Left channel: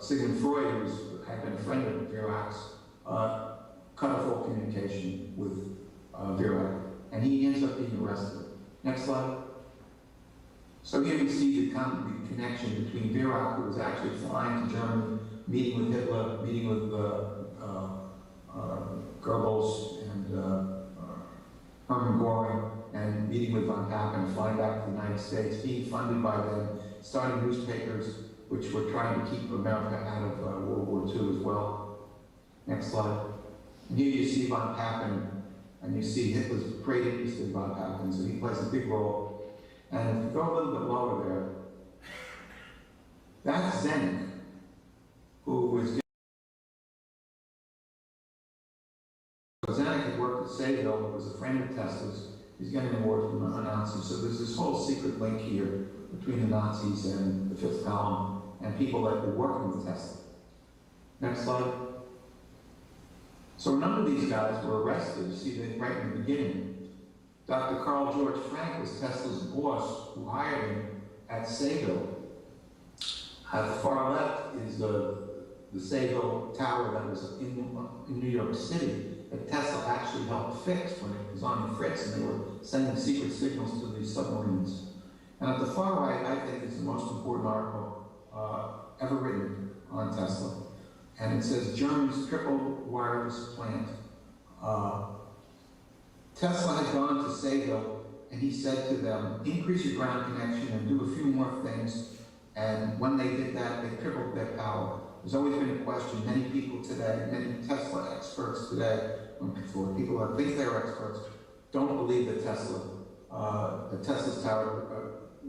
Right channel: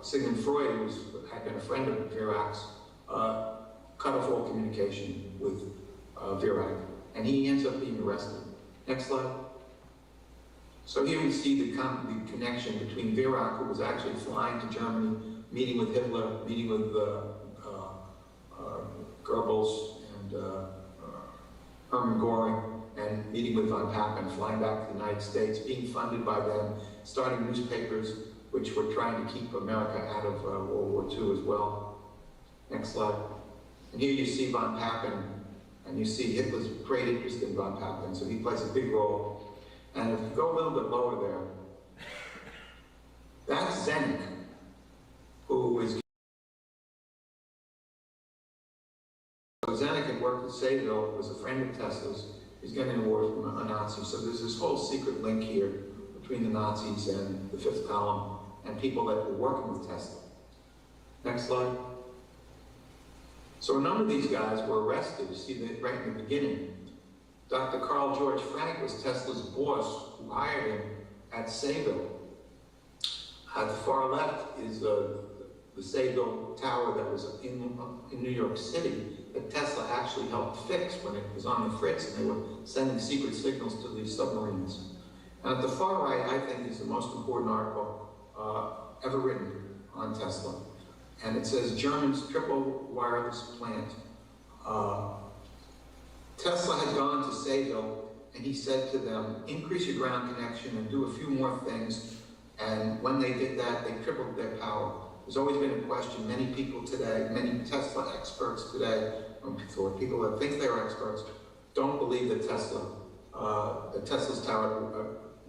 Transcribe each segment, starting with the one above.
Sigmund Freud, who had been a friend of Virac's, cut off all communication with Virac, and he ends up being arrested. Next slide. So here we see the connection between Virac, who was actually flying to Germany, meeting with Hitler, meeting with Goebbels and Hermann Göring, and meeting with von Papen, flying back to the United States, being funded by them, starting newspapers which were trying to keep America out of World War II as well. Next slide. And here you see von Papen, and you see Hitler's great interest in von Papen, so he plays a big role. And if you go a little bit lower there, that's Zenk, who is Zenk had worked at Sayville, was a friend of Tesla's. He's getting an award from the Nazis. So there's this whole secret link here between the Nazis and the Fifth Column and people that were working with Tesla. Next slide. So a number of these guys were arrested. You see that right in the beginning. Dr. Carl George Frank was Tesla's boss who hired him at Sayville. At the far left is the Sayville Tower that was in New York City that Tesla actually helped fix when it was on the fritz and they were sending secret signals to these submarines. And at the far right, I think, is the most important article ever written on Tesla. And it says, Germany's triple wireless plant. Tesla had gone to Sayville, and he said to them, increase your ground connection and do a few more things. And when they did that, they tripled their power. There's always been a question, many people today, many Tesla experts today, for people that think they're experts, don't believe that Tesla's tower,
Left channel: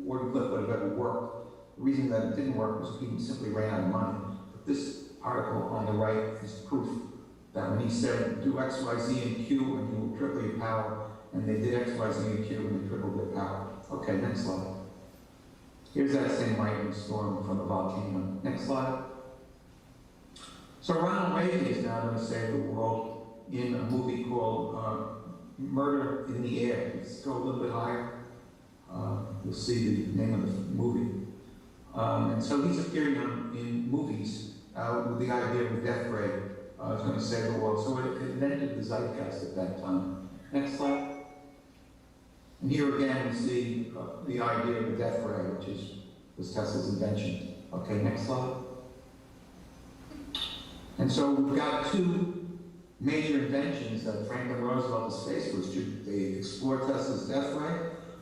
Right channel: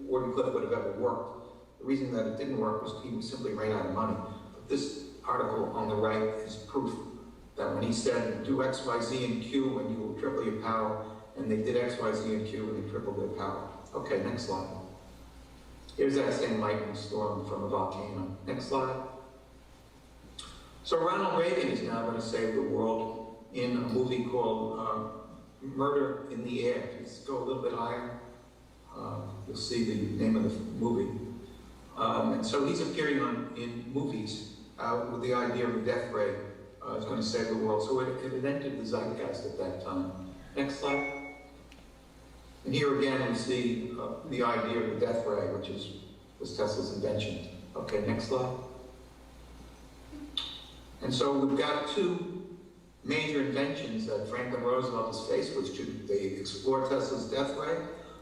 Wardenclyffe would have ever worked. The reason that it didn't work was people simply ran out of money. But this article on the right is proof that when he said, do X, Y, Z, and Q when you will triple your power, and they did X, Y, Z, and Q and they tripled their power. Okay, next slide. Here's that same lightning storm from a volcano. Next slide. So Ronald Reagan is now going to save the world in a movie called Murder in the Air. If you go a little bit higher, you'll see the name of the movie. And so he's appearing in movies with the idea of a death ray is going to save the world. So it entered the zeitgeist at that time. Next slide. And here again we see the idea of the death ray, which was Tesla's invention. Okay, next slide. And so we've got two major inventions that Franklin Roosevelt is faced with. They explore Tesla's death ray,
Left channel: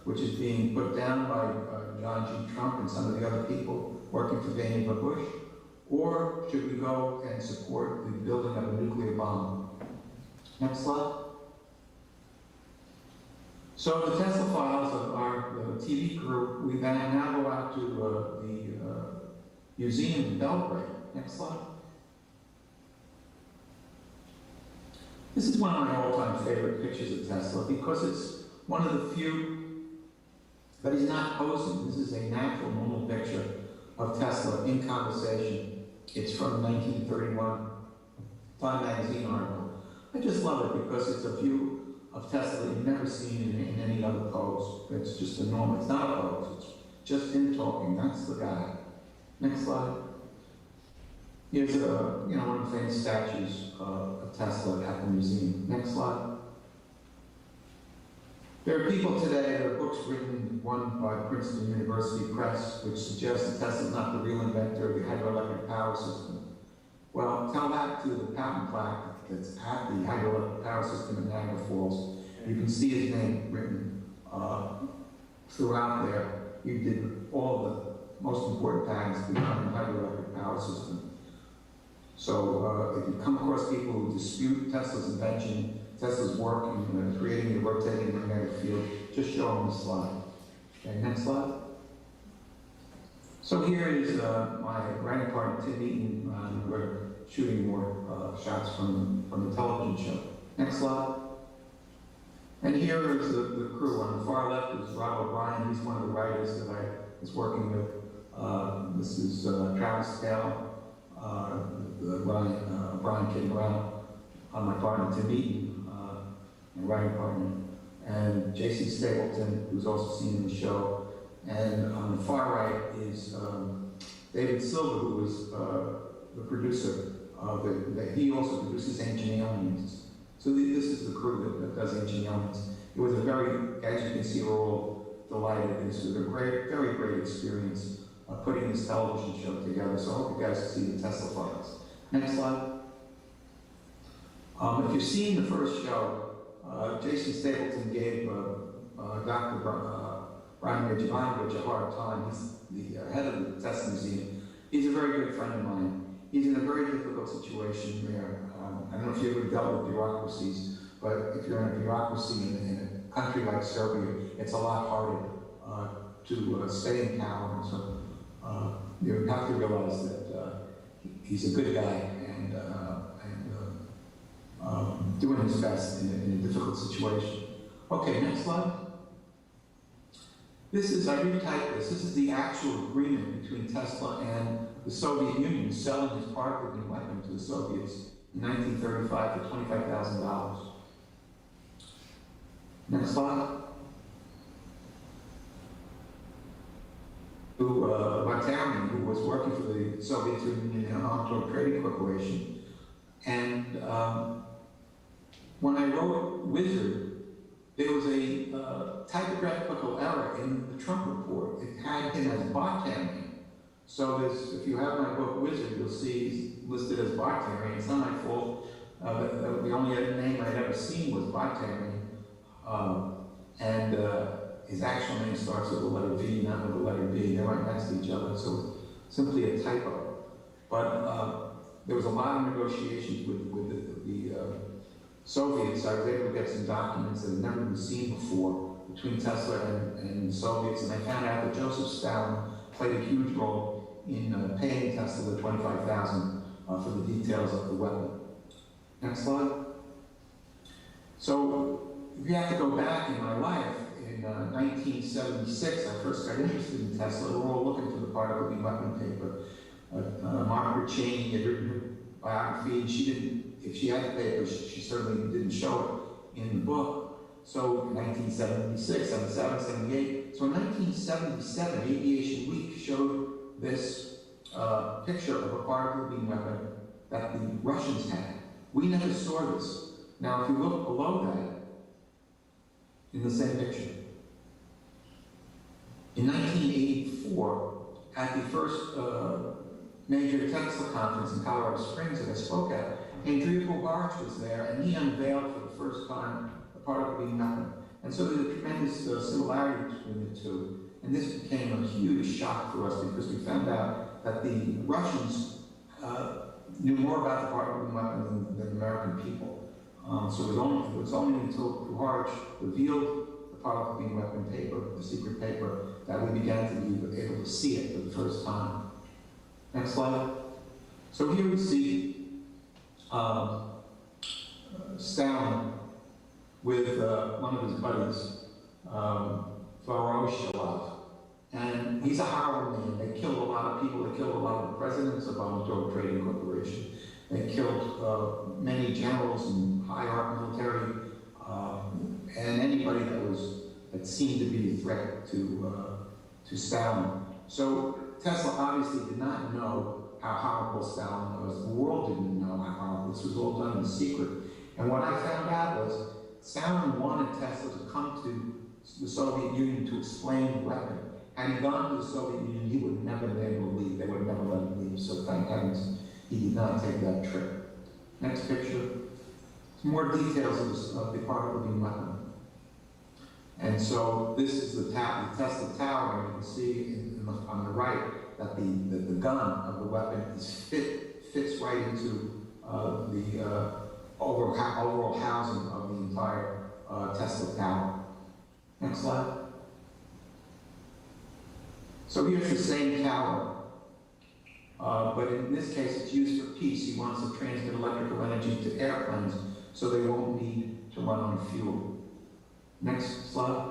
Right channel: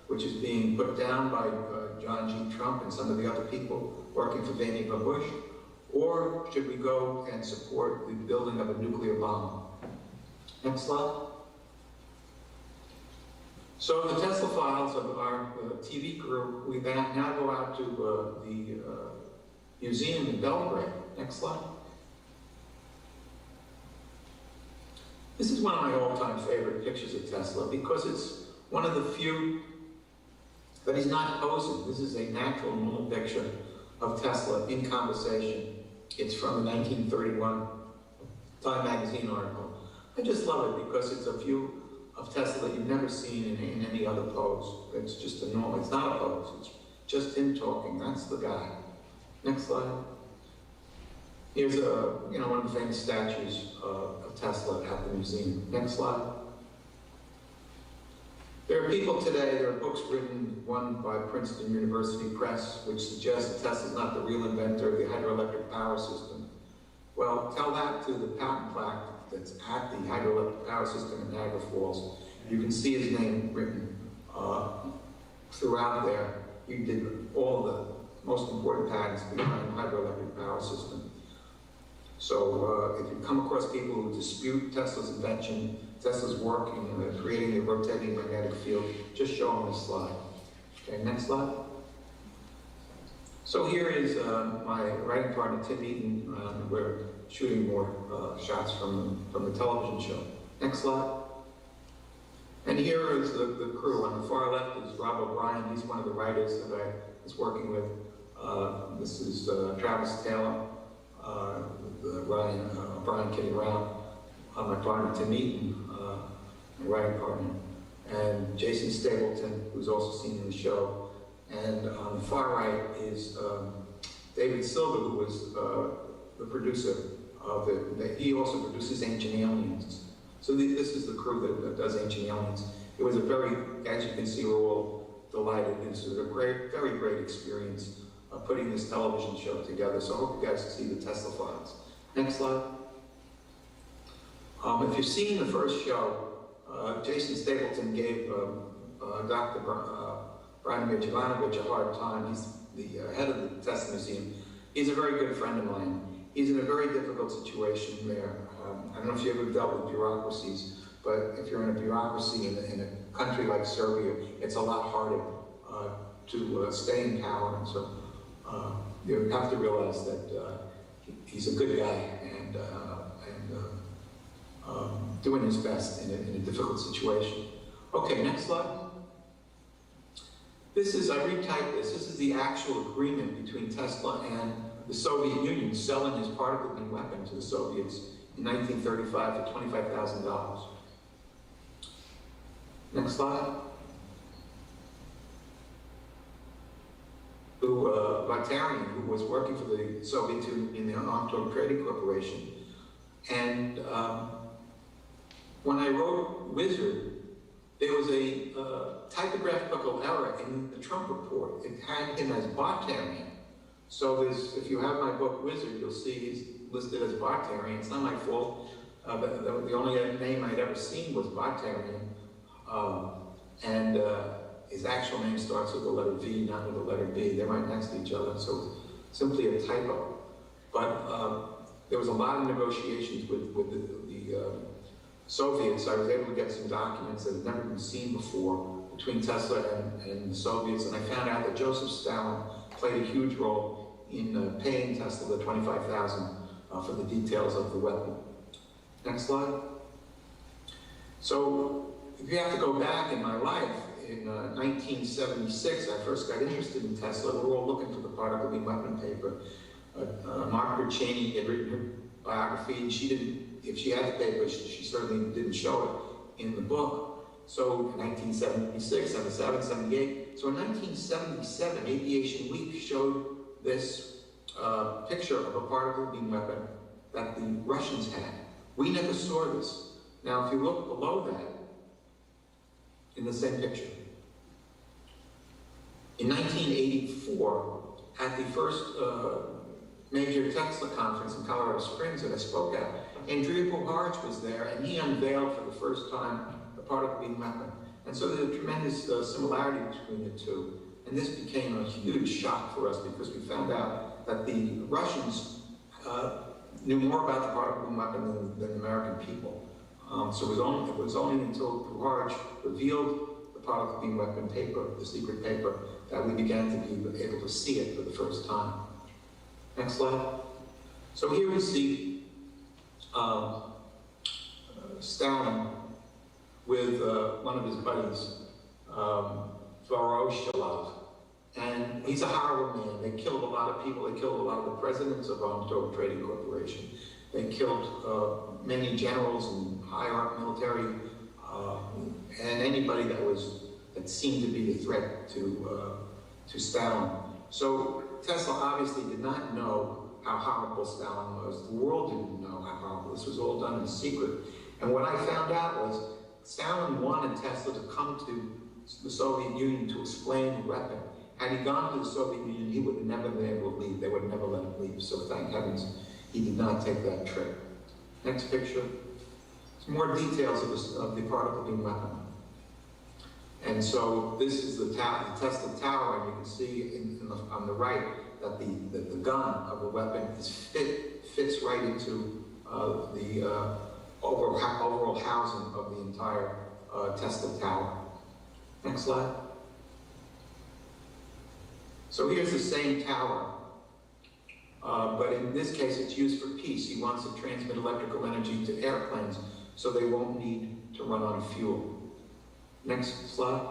which is being put down by John G. Trump and some of the other people working for Vannevar Bush, or should we go and support the building of a nuclear bomb? Next slide. So the Tesla files of our TV crew, we now go out to the museum in Belgrade. Next slide. This is one of my all-time favorite pictures of Tesla because it's one of the few that he's not posing. This is a natural, normal picture of Tesla in conversation. It's from a 1931 Time magazine article. I just love it because it's a view of Tesla that you've never seen in any other pose. It's just a normal, it's not a pose, it's just him talking. That's the guy. Next slide. Here's one of the famous statues of Tesla at the museum. Next slide. There are people today, there are books written, one by Princeton University Press, which suggests that Tesla's not the real inventor of the hydroelectric power system. Well, tell that to the patent plaque that's at the hydroelectric power system in Niagara Falls. You can see his name written throughout there. He did all the most important patents behind the hydroelectric power system. So if you come across people who dispute Tesla's invention, Tesla's work in creating the rotating magnetic field, just show them this slide. Okay, next slide. So here is my writing partner, Tim Eaton. We're shooting more shots from the television show. Next slide. And here is the crew. On the far left is Rob O'Brien. He's one of the writers that I was working with. This is Travis Taylor, Brian kidding around. My partner, Tim Eaton, my writing partner, and Jason Stapleton, who's also seen in the show. And on the far right is David Silver, who was the producer he also produces Ancient Aliens. So this is the crew that does Ancient Aliens. It was a very, as you can see, we're all delighted. It's a great, very great experience putting this television show together. So I hope you guys can see the Tesla files. Next slide. If you've seen the first show, Jason Stapleton gave Dr. Brian Ivanovich a hard time. He's the head of the Tesla Museum. He's a very good friend of mine. He's in a very difficult situation there. I don't know if you ever dealt with bureaucracies, but if you're in a bureaucracy in a country like Serbia, it's a lot harder to stay in power. And so you have to realize that he's a good guy and doing his best in a difficult situation. Okay, next slide. This is, I retyped this. This is the actual agreement between Tesla and the Soviet Union selling his particle beam weapon to the Soviets in 1935 for $25,000. Next slide. Vartarian, who was working for the Soviet Union in the Armed Trading Corporation. And when I wrote Wizard, there was a typographical error in the Trump report. It had him as Vartarian. So if you have my book Wizard, you'll see he's listed as Vartarian. It's not my fault. The only name I'd ever seen was Vartarian. His actual name starts with the letter V, not with the letter B. They're right next to each other, so simply a typo. But there was a lot of negotiations with the Soviets. I was able to get some documents that had never been seen before between Tesla and the Soviets, and I found out that Joseph Stalin played a huge role in paying Tesla the $25,000 for the details of the weapon. Next slide. So if you have to go back in my life, in 1976, I first got interested in Tesla. We were all looking for the particle beam weapon paper. Margaret Cheney had written her biography, and she didn't, if she had the paper, she certainly didn't show it in the book. So 1976, 77, 78. So in 1977, Aviation Week showed this picture of a particle beam weapon that the Russians had. We never saw this. Now, if you look below that, in the same picture, in 1984, at the first major Tesla conference in Colorado Springs that I spoke at, Andrea Bobarge was there, and he unveiled for the first time the particle beam weapon. And so there's a tremendous similarity between the two. And this became a huge shock for us because we found out that the Russians knew more about the particle beam weapon than the American people. So it was only until Bobarge revealed the particle beam weapon paper, the secret paper, that we began to be able to see it for the first time. Next slide. So here we see Stalin with one of his buddies, Voroshilov. And he's a horrible man. They killed a lot of people. They killed a lot of the presidents of Armed Trading Corporation. They killed many generals and high-up military, and anybody that seemed to be a threat to Stalin. So Tesla obviously did not know how horrible Stalin was. The world didn't know how horrible. This was all done in secret. And what I found out was Stalin wanted Tesla to come to the Soviet Union to explain the weapon. Had he gone to the Soviet Union, he would never be able to leave. They would never let him leave. So thank heavens he did not take that trip. Next picture. Some more details of the particle beam weapon. And so this is the Tesla Tower, and you can see on the right that the gun of the weapon fits right into the overall housing of the entire Tesla Tower. Next slide. So here's the same tower, but in this case it's used for peace. He wants to transmit electrical energy to airplanes so they won't need to run on fuel. Next slide.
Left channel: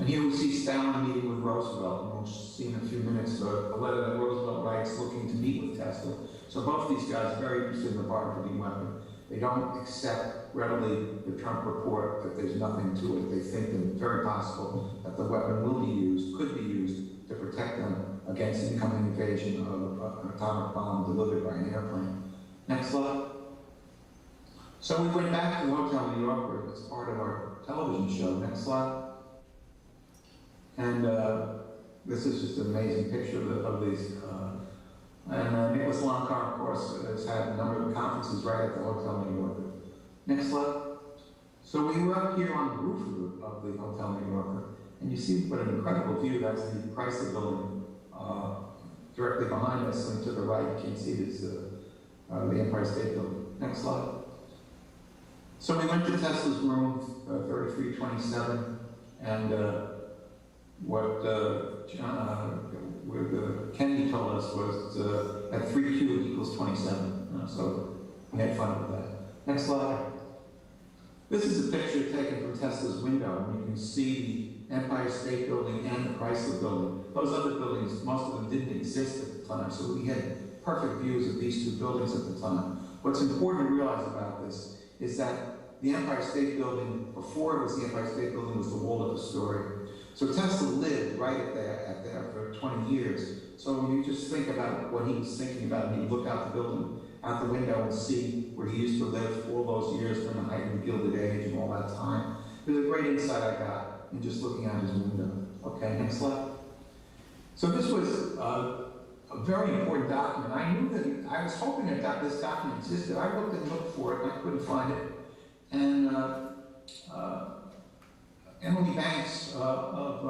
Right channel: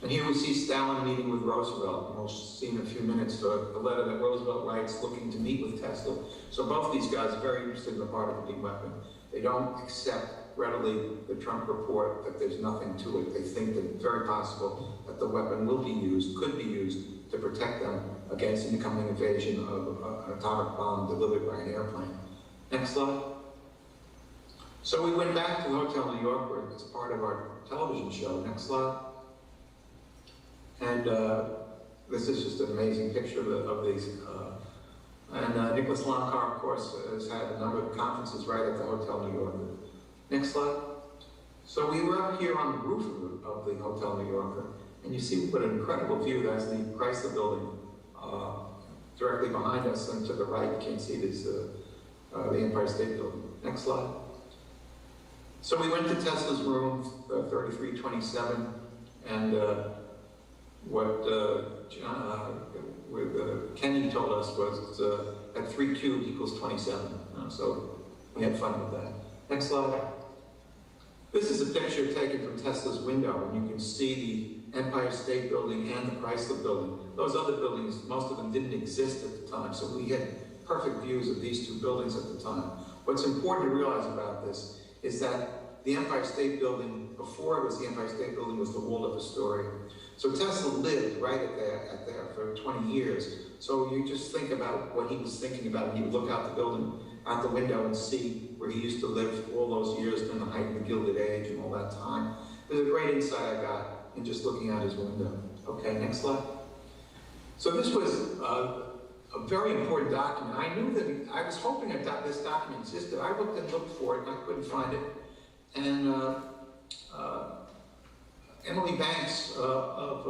And here we see Stalin meeting with Roosevelt. We'll see in a few minutes a letter that Roosevelt writes looking to meet with Tesla. So both of these guys are very interested in the particle beam weapon. They don't accept readily the Trump report that there's nothing to it. They think that it's very possible that the weapon will be used, could be used to protect them against incoming invasion of an atomic bomb delivered by an airplane. Next slide. So we went back to the Hotel New Yorker as part of our television show. Next slide. And this is just an amazing picture of these. Nicholas Loncar, of course, has had a number of conferences right at the Hotel New Yorker. Next slide. So we were up here on the roof of the Hotel New Yorker, and you see what an incredible view. That's the Chrysler building directly behind us, and to the right, you can see this, the Empire State Building. Next slide. So we went to Tesla's room, 3327, and what Kenny told us was that 3 cubed equals 27. So we had fun with that. Next slide. This is a picture taken from Tesla's window, and you can see the Empire State Building and the Chrysler Building. Those other buildings, most of them didn't exist at the time, so we had perfect views of these two buildings at the time. What's important to realize about this is that the Empire State Building, before it was the Empire State Building, was the Waldorf Astoria. So Tesla lived right at there for 20 years. So you just think about what he was thinking about, and he'd look out the window and see where he used to live all those years in the height of the Gilded Age and all that time. There's a great insight I got in just looking out his window. Okay, next slide. So this was a very important document. I knew that, I was hoping that this document existed. I looked for it, and I couldn't find it. And Emily Banks of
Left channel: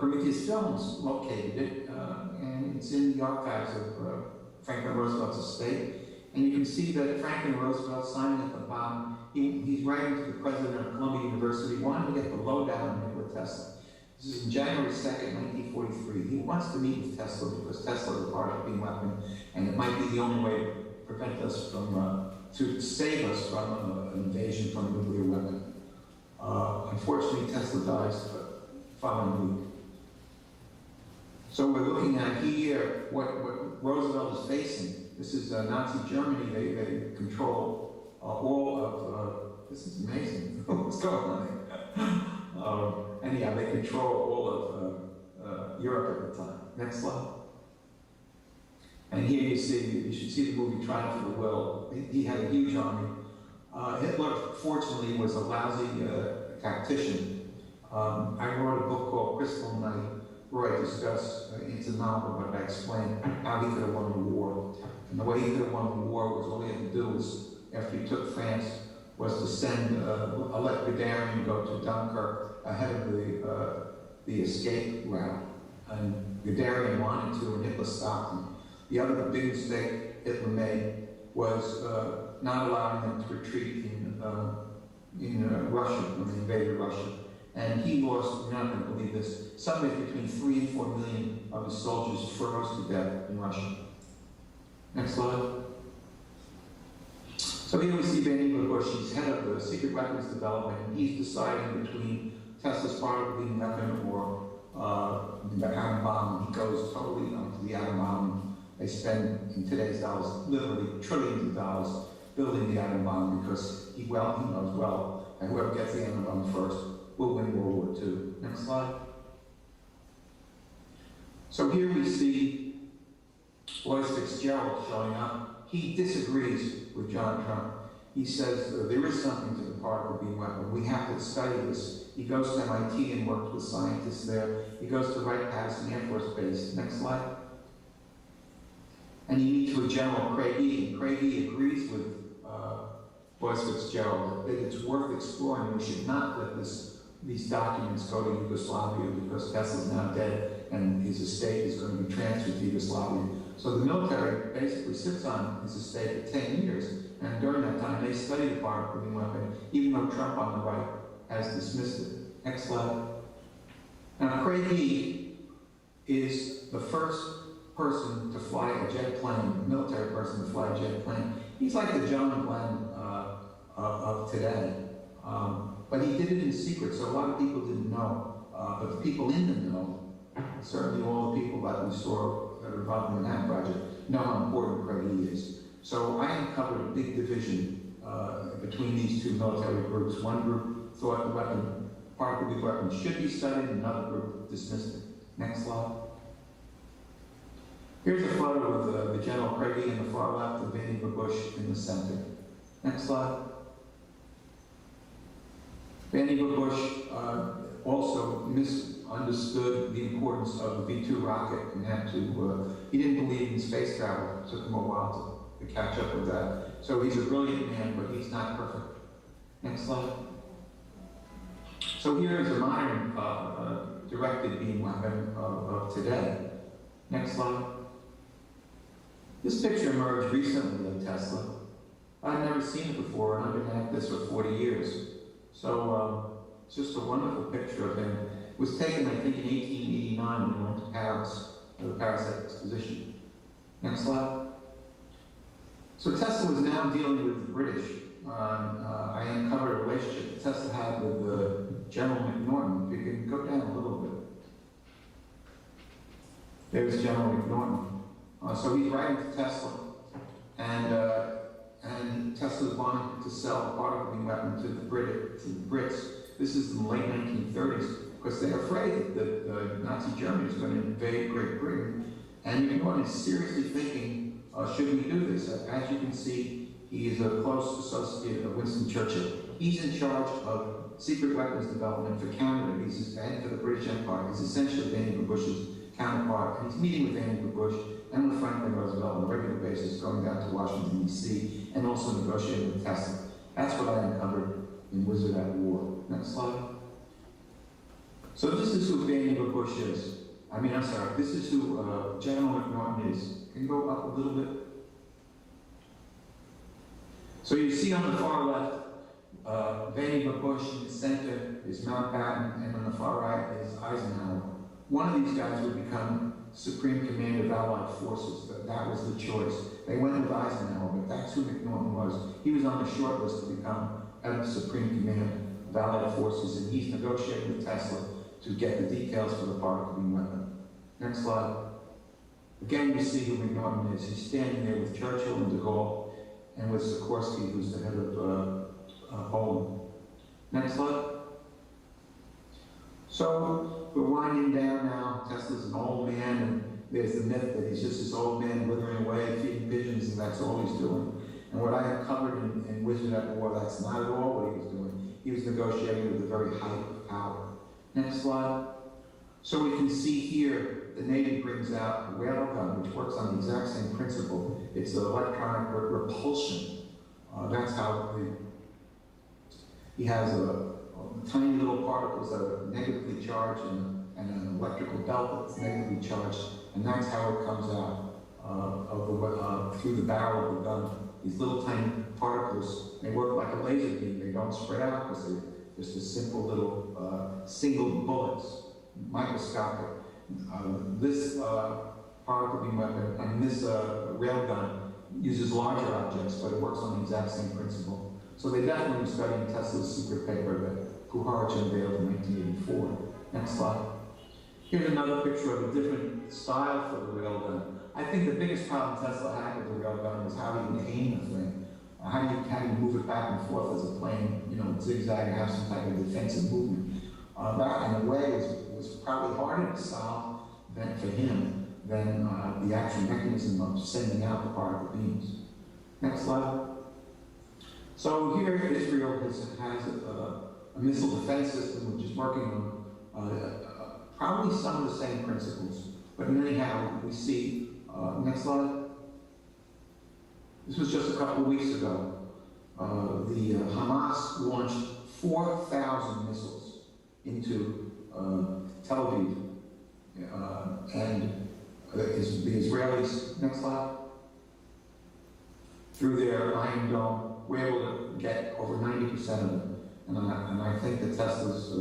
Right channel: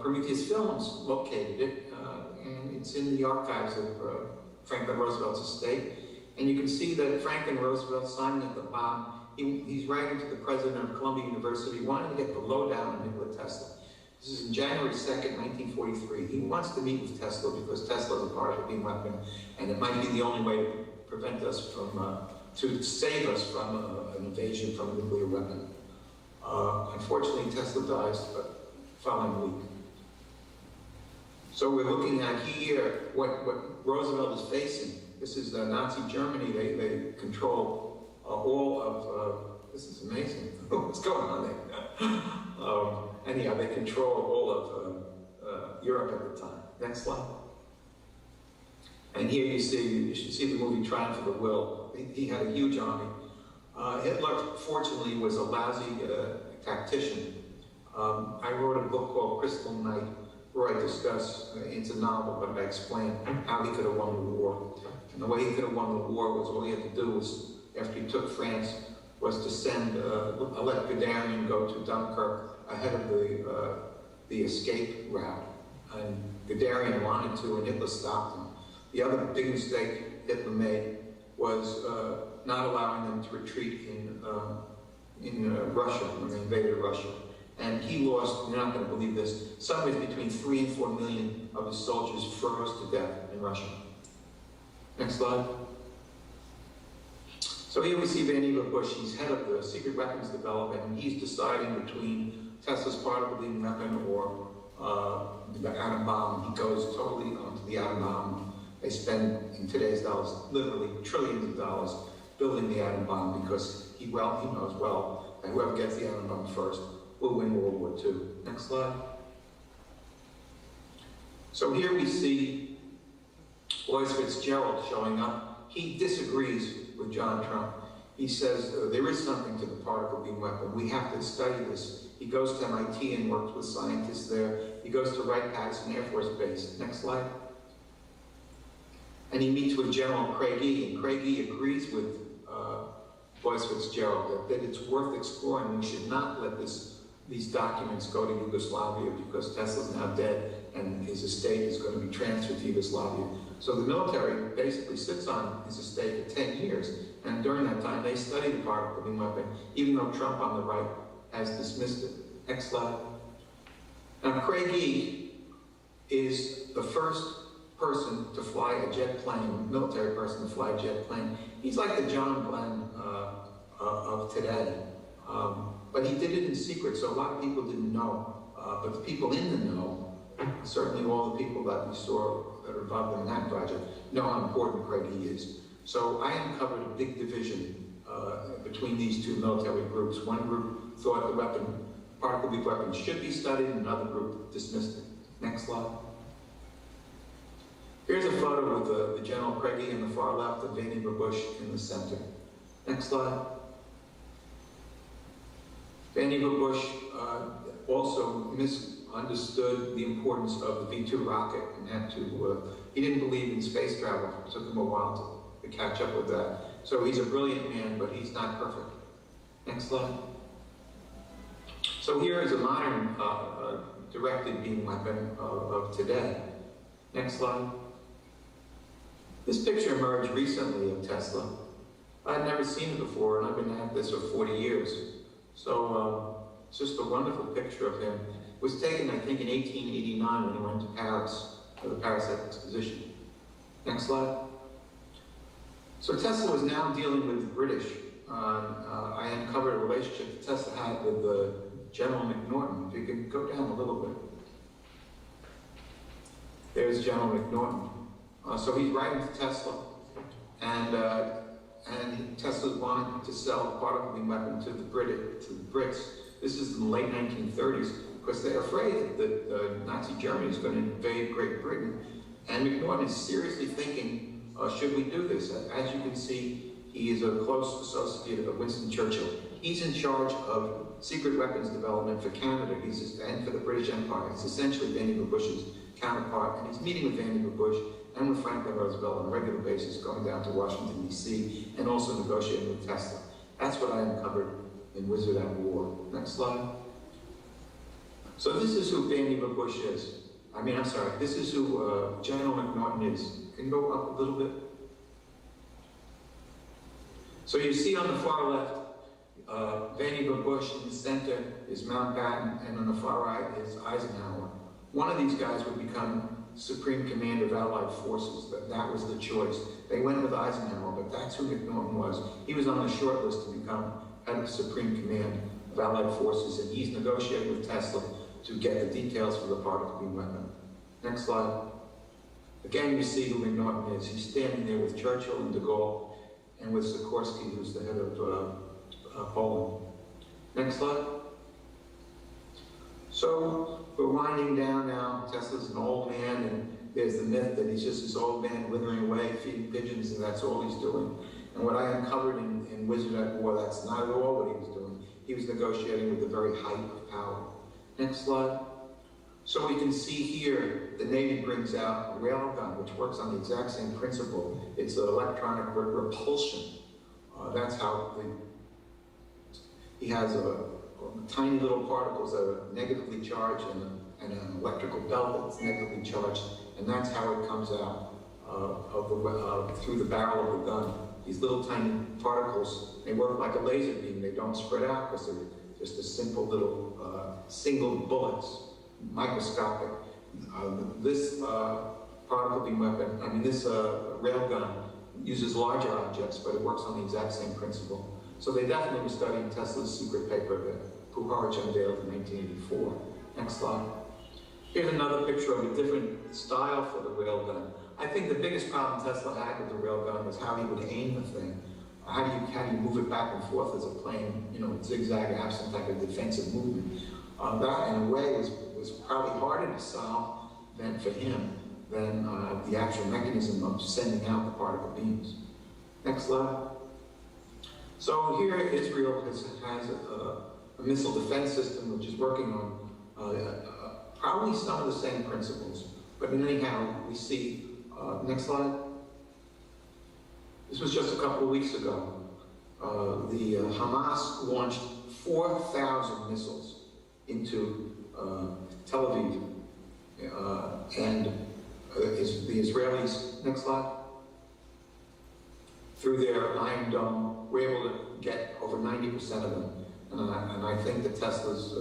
Prometheus Films located it, and it's in the archives of Franklin Roosevelt's estate. And you can see that Franklin Roosevelt signed at the bottom. He's writing to the president of Columbia University, wanting to get the lowdown on Nikola Tesla. This is in January 2nd, 1943. He wants to meet with Tesla because Tesla is a particle beam weapon, and it might be the only way to prevent us from, to save us from an invasion from a nuclear weapon. Unfortunately, Tesla dies the following week. So we're looking at here what Roosevelt is facing. This is Nazi Germany. They control all of, this is amazing. What's going on there? Anyhow, they control all of Europe at the time. Next slide. And here you should see the movie Triumph of the Will. He had a huge army. Hitler, fortunately, was a lousy tactician. I wrote a book called Crystal Night, where I discuss, it's a novel, but I explain how he could have won the war. And the way he could have won the war was all he had to do was, after he took France, was to send, let Guderian go to Dunkirk ahead of the escape route. And Guderian wanted to, and Hitler stopped him. The other big mistake Hitler made was not allowing them to retreat in Russia when they invaded Russia. And he lost, you're not going to believe this, somewhere between 3 and 4 million of his soldiers froze to death in Russia. Next slide. So here we see Vannevar Bush. He's head of the secret weapons development, and he's deciding between Tesla's particle beam weapon or the atom bomb. He goes totally onto the atom bomb. They spend, in today's dollars, literally trillions of dollars building the atom bomb because he knows well that whoever gets the atom bomb first will win World War II. Next slide. So here we see Royce Fitzgerald showing up. He disagrees with John Trump. He says there is something to the particle beam weapon. We have to study this. He goes to MIT and works with scientists there. He goes to Wright-Patterson Air Force Base. Next slide. And he meets with General Craigie, and Craigie agrees with Royce Fitzgerald that it's worth exploring. We should not let these documents go to Yugoslavia because Tesla's now dead and his estate is going to be transferred to Yugoslavia. So the military basically sits on his estate for 10 years, and during that time they study the particle beam weapon, even though Trump on the right has dismissed it. Next slide. Now Craigie is the first person to fly a jet plane, military person to fly a jet plane. He's like the John Glenn of today. But he did it in secret, so a lot of people didn't know. But the people in the know, certainly all the people that we saw that are involved in that project, know how important Craigie is. So I uncovered a big division between these two military groups. One group thought the particle beam weapon should be studied, and another group dismissed it. Next slide. Here's a photo of the General Craigie in the far left, of Vannevar Bush in the center. Next slide. Vannevar Bush also misunderstood the importance of the V-2 rocket and had to, he didn't believe in space travel. It took him a while to catch up with that. So he's a brilliant man, but he's not perfect. Next slide. So here is a modern directed beam weapon of today. Next slide. This picture emerged recently of Tesla. I'd never seen it before, and I've been at this for 40 years. So it's just a wonderful picture of him. It was taken, I think, in 1889 when he went to Paris for the Paris Exposition. Next slide. So Tesla was now dealing with the British. I uncovered a relationship that Tesla had with General McNaughton. If you can go down a little bit. There's General McNaughton. So he's writing to Tesla, and Tesla's wanting to sell a particle weapon to the Brits. This is in the late 1930s, because they're afraid that Nazi Germany is going to invade Great Britain. And McNaughton is seriously thinking, should we do this? As you can see, he is a close associate of Winston Churchill. He's in charge of secret weapons development for Canada. And for the British Empire. He's essentially Vannevar Bush's counterpart. And he's meeting with Vannevar Bush and with Franklin Roosevelt on a regular basis, going down to Washington, D.C., and also negotiating with Tesla. That's what I uncovered in Wizard at War. Next slide. So this is who Vannevar Bush is. This is who General McNaughton is. Can you go up a little bit? So you see on the far left, Vannevar Bush in the center is Mountbatten, and on the far right is Eisenhower. One of these guys would become Supreme Commander of Allied Forces. That was the choice. They went with Eisenhower, but that's who McNaughton was. He was on the short list to become head of Supreme Command of Allied Forces, and he's negotiating with Tesla to get the details for the particle beam weapon. Next slide. Again, you see who McNaughton is. He's standing there with Churchill and de Gaulle, and with Sikorsky, who's the head of Poland. Next slide. So we're winding down now. Tesla's an old man, and there's the myth that he's just this old man withering away, feeding pigeons, and that's all he's doing. And what I uncovered in Wizard at War, that's not at all what he was doing. He was negotiating with the very height of power. Next slide. So we can see here, the Navy brings out a railgun, which works on the exact same principle. It's an electronic repulsion. That's how he has tiny little particles that are negatively charged and an electrical belt that's negatively charged, and that's how it comes out through the barrel of the gun. These little tiny particles, they work like a laser beam. They don't spread out because they're just a simple little single bullets, microscopic. This particle beam weapon, this railgun uses larger objects, but it works on the exact same principle. So they definitely were studying Tesla's secret paper that Puharich unveiled in 1984. Next slide. Here's another picture of a different style for the railgun. I think the biggest problem Tesla had with the railgun was how he would aim the thing. How do you move it back and forth as a plane, zigzag or have some type of defensive movement? That, in a way, was probably harder to solve for him than the actual mechanism of sending out the particle beams. Next slide. So here Israel has a missile defense system which is working on probably some of the same principles. But anyhow, we see, next slide. This was just a couple of weeks ago. The Hamas launched 4,000 missiles into Tel Aviv. And the Israelis, next slide, through their Iron Dome, were able to get over 90% of them. And I think that Tesla's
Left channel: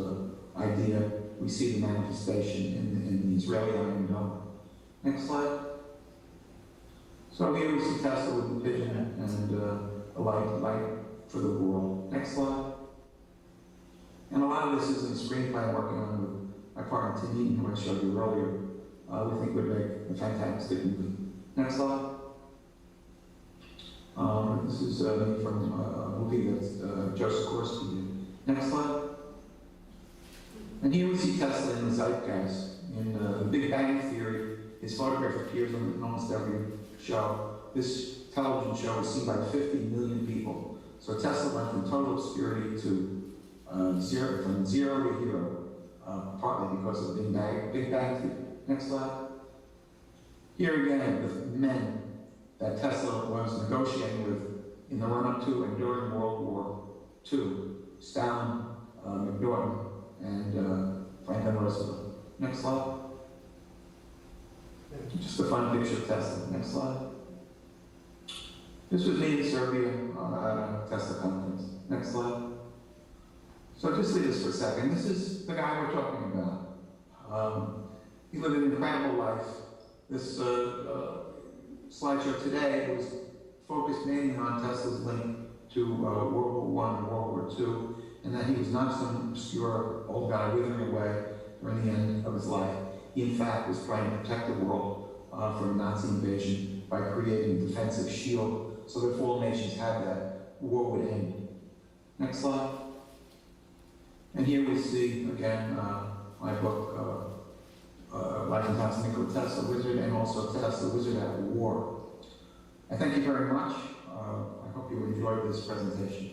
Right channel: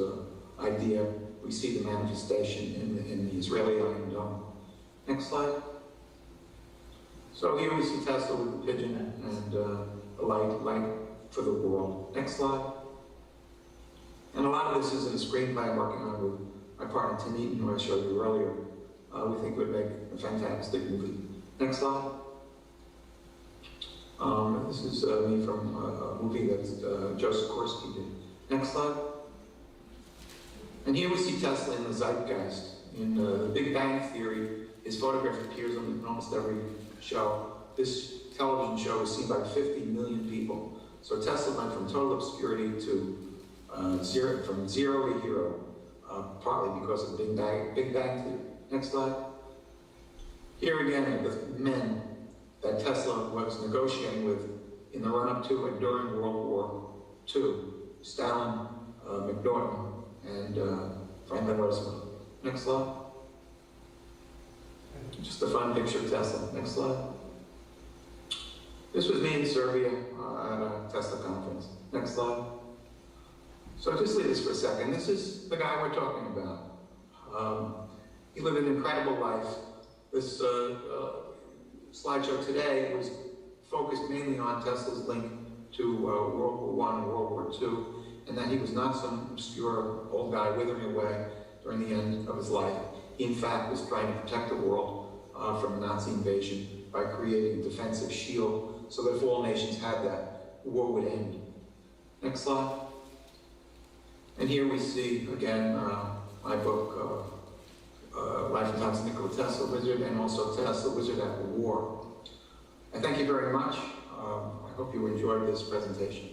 idea, we see the manifestation in the Israeli Iron Dome. Next slide. So here we see Tesla with a pigeon and a light for the world. Next slide. And a lot of this is in a screenplay I'm working on with my partner Tim Eaton, who I showed you earlier. We think would make a fantastic movie. Next slide. This is me from a movie that Joe Sikorsky did. Next slide. And here we see Tesla in the zeitgeist. In The Big Bang Theory, his photograph appears on almost every show. This television show was seen by 50 million people. So Tesla went from total obscurity to from zero to hero, partly because of Big Bang Theory. Next slide. Here again, with men that Tesla was negotiating with in the run-up to and during World War II, Stalin, McDowell, and Franklin Roosevelt. Next slide. Just a fun picture of Tesla. Next slide. This was me in Serbia at a Tesla conference. Next slide. So just leave this for a second. This is the guy we're talking about. He lived an incredible life. This slideshow today was focused mainly on Tesla's link to World War I and World War II, and that he was not some obscure old guy withering away during the end of his life. He, in fact, was trying to protect the world from Nazi invasion by creating a defensive shield so that if all nations had that, war would end. Next slide. And here we see, again, my book, Life and Times of Nikola Tesla, Wizard, and also Tesla, Wizard at War. I thank you very much. I hope you enjoyed this presentation.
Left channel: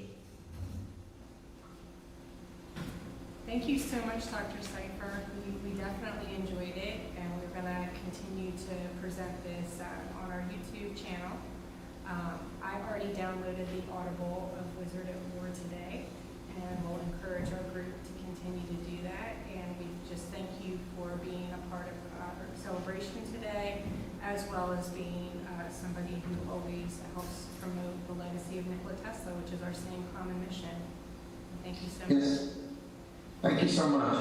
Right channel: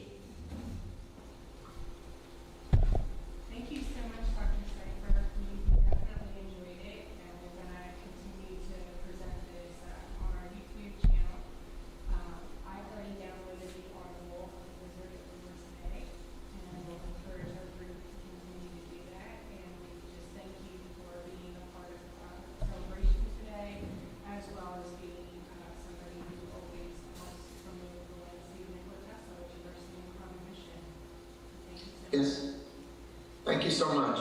Thank you so much, Dr. Cipher. We definitely enjoyed it, and we're going to continue to present this on our YouTube channel. I've already downloaded the Audible of Wizard at War today, and we'll encourage our group to continue to do that. And we just thank you for being a part of our celebration today, as well as being somebody who always helps promote the legacy of Nikola Tesla, which is our same common mission. And thank you so much. Yes. Thank you so much.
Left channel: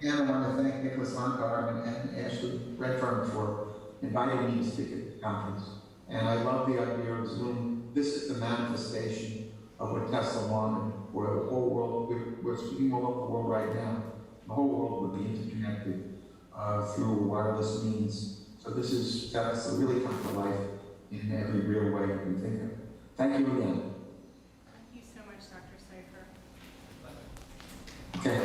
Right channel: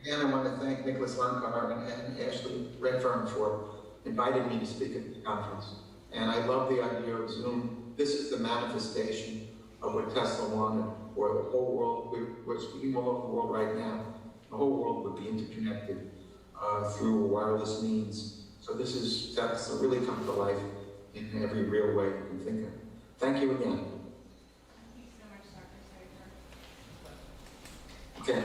Again, I want to thank Nicholas Von Garb and Ashley Redfern for inviting me to speak at the conference. And I love the idea of Zoom. This is the manifestation of what Tesla wanted, where the whole world, we're speaking all over the world right now, the whole world will be interconnected through wireless means. So that's really come to life in every real way you can think of. Thank you again. Thank you so much, Dr. Cipher. Okay.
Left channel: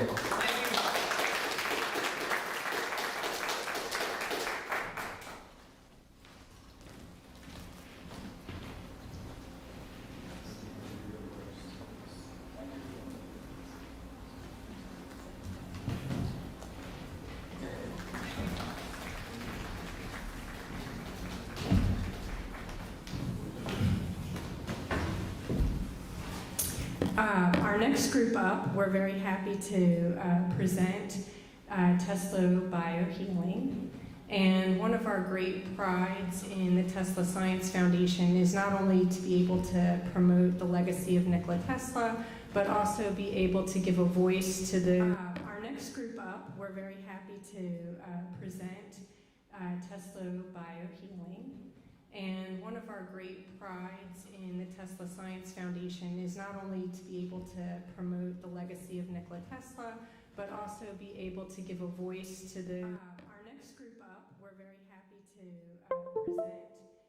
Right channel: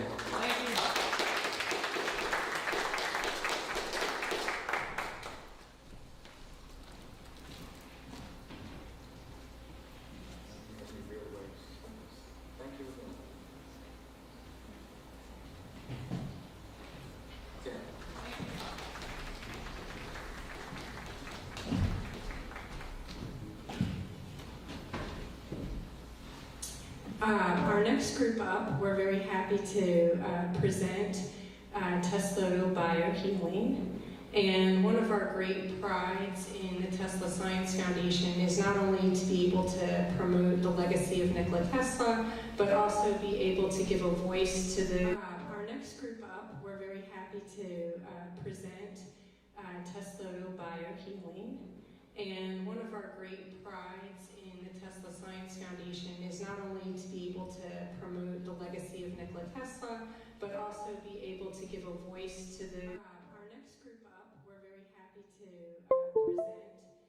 Our next group up, we're very happy to present Tesla Biohealing. And one of our great prides in the Tesla Science Foundation is not only to be able to promote the legacy of Nikola Tesla, but also be able to give a voice to the